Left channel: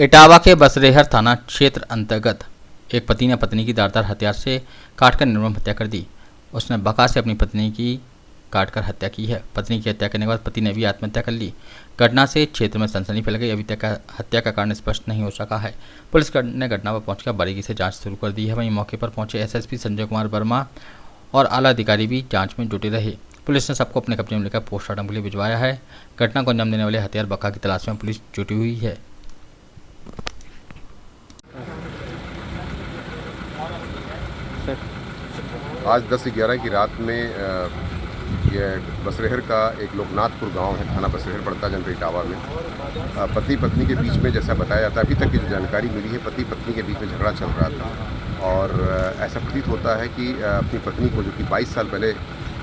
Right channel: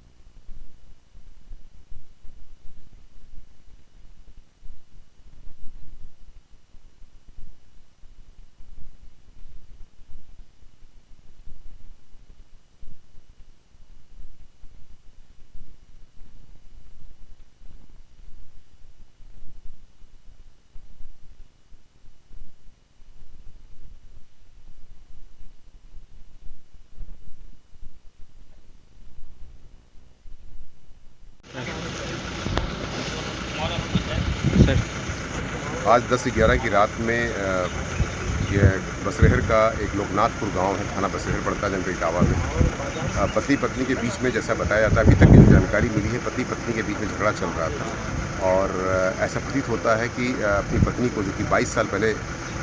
इटावा के बसरेहर थाना क्षेत्र अंतर्गत एक पति ने पत्नी की धारदार हथियार से काटकर निर्मम हत्या कर दी। उसने बका से अपनी पत्नी की काटकर हत्या की है। पत्नी की हत्या करने के बाद पति ने भी आत्महत्या कर ली। घटना से क्षेत्र में सनसनी फैल गई। अभी तक हत्या का कारण स्पष्ट नहीं हो सका है। पुलिस ने घटना पर पहुंचकर बारीकी से जांच शुरू कर दी है। वहीं मौके पर पहुंचे एसएसपी संजय कुमार वर्मा और आला अधिकारी भी जांच में जुटे रहे। पुलिस ने सबको अपने कब्जे में लेकर पोस्टमार्टम के लिए भिजवाया है। घटना को अंजाम देने वाले हथियार बका की तलाश में पुलिस जुटी हुई है। सर, आज 10-11 की रात में यह बसरेहर का एक लोकनाथपुर गांव है, थाना बसरेहर पड़ता है, जनपद इटावा में। पति पत्नी के बीच में, जैसा बताया जाता है, अभी तक की जो जानकारी मिली है, पति पत्नी के बीच में झगड़ा चल रहा था और ऐसा प्रतीत होता है कि अपनी पत्नी को, जो कि 22 साल पहले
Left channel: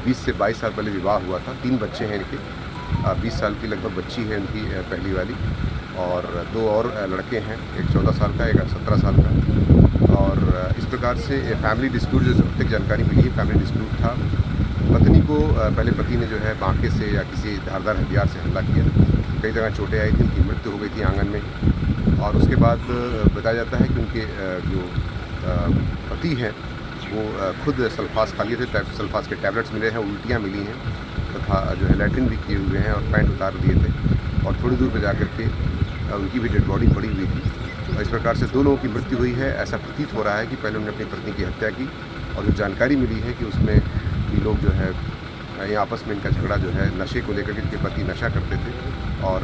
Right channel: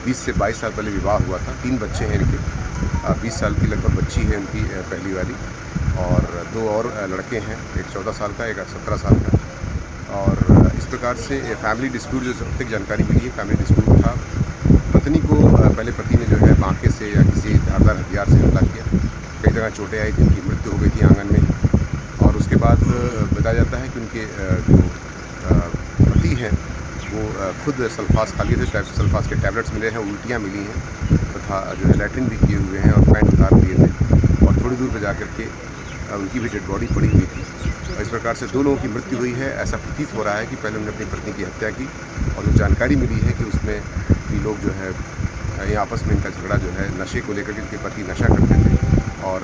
20 से 22 साल पहले विवाह हुआ था, 3 बच्चे हैं इनके, 20 साल की लगभग बच्ची है उनकी पहली वाली, और 2 और लड़के हैं, एक 14 साल का, एक 17 साल का। और इस प्रकार से फैमिली डिस्प्यूट, जो अब तक जानकारी मिली है, फैमिली डिस्प्यूट था। पत्नी को पहले पति ने जो है बांके से या किसी धारदार हथियार से हमला किया। कई जगह चोटें आई थी, उनकी मृत्यु हो गई थी आंगन में। और उसके बाद बताया जाता है कि उनके जो पति हैं वो खुद सल्फास खा लिए थे, सल्फास के टैबलेट्स मिले हैं, उल्टियाँ मिली हैं तथा जो है लैट्रिन भी किए हुए हैं और पैंट उतार दिए थे और थोड़ी दूर पर जा कर के उनकी भी डेड बॉडी पड़ी हुई थी। और इस प्रकार से 2 लोगों की मृत्यु हुई है। ऐसा प्रतीत हो रहा है कि पहले उन्होंने अपनी पत्नी की हत्या की और जो जानकारी मिली है कि उसमें ये लोग जो है ये आपस में इनका झगड़ा जो है नशे को लेकर के, इनके पति नशा करते थे और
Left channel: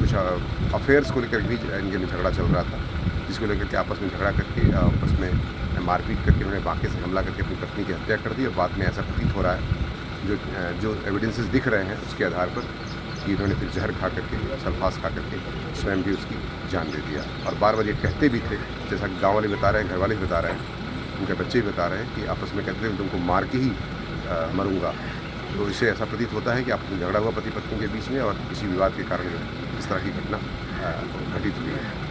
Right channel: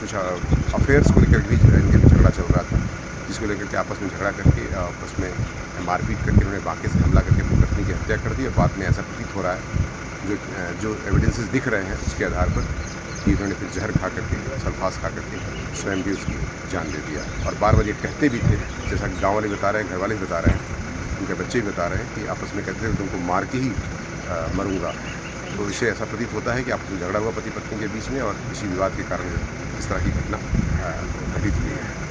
कुछ अफेयर्स को लेकर भी इनके में झगड़ा चल रहा था, जिसको लेकर के आपस में झगड़ा करके आपस में मारपीट करके उन्होंने बांके से हमला करके अपनी पत्नी की हत्या कर दी। और बाद में ऐसा प्रतीत हो रहा है, जो एविडेंसेस दिख रहे हैं उसके आधार पर, कि उन्होंने फिर जहर खा करके, सल्फास खा करके स्वयं भी उसकी जान दे दिया। और बार-बार ये कहते भी थे, जैसा कि गाँव वाले बता रहे हैं, घर वाले भी बता रहे हैं, उनके बच्चे भी बता रहे हैं कि आपस में कहते थे तुमको मार के ही मरूंगा। तो इससे ऐसा प्रतीत होता है कि आपस में झगड़ा हुआ पति पत्नी के बीच में और किसी विवाद के कारण जो है इस तरह की घटना घटित हुई है।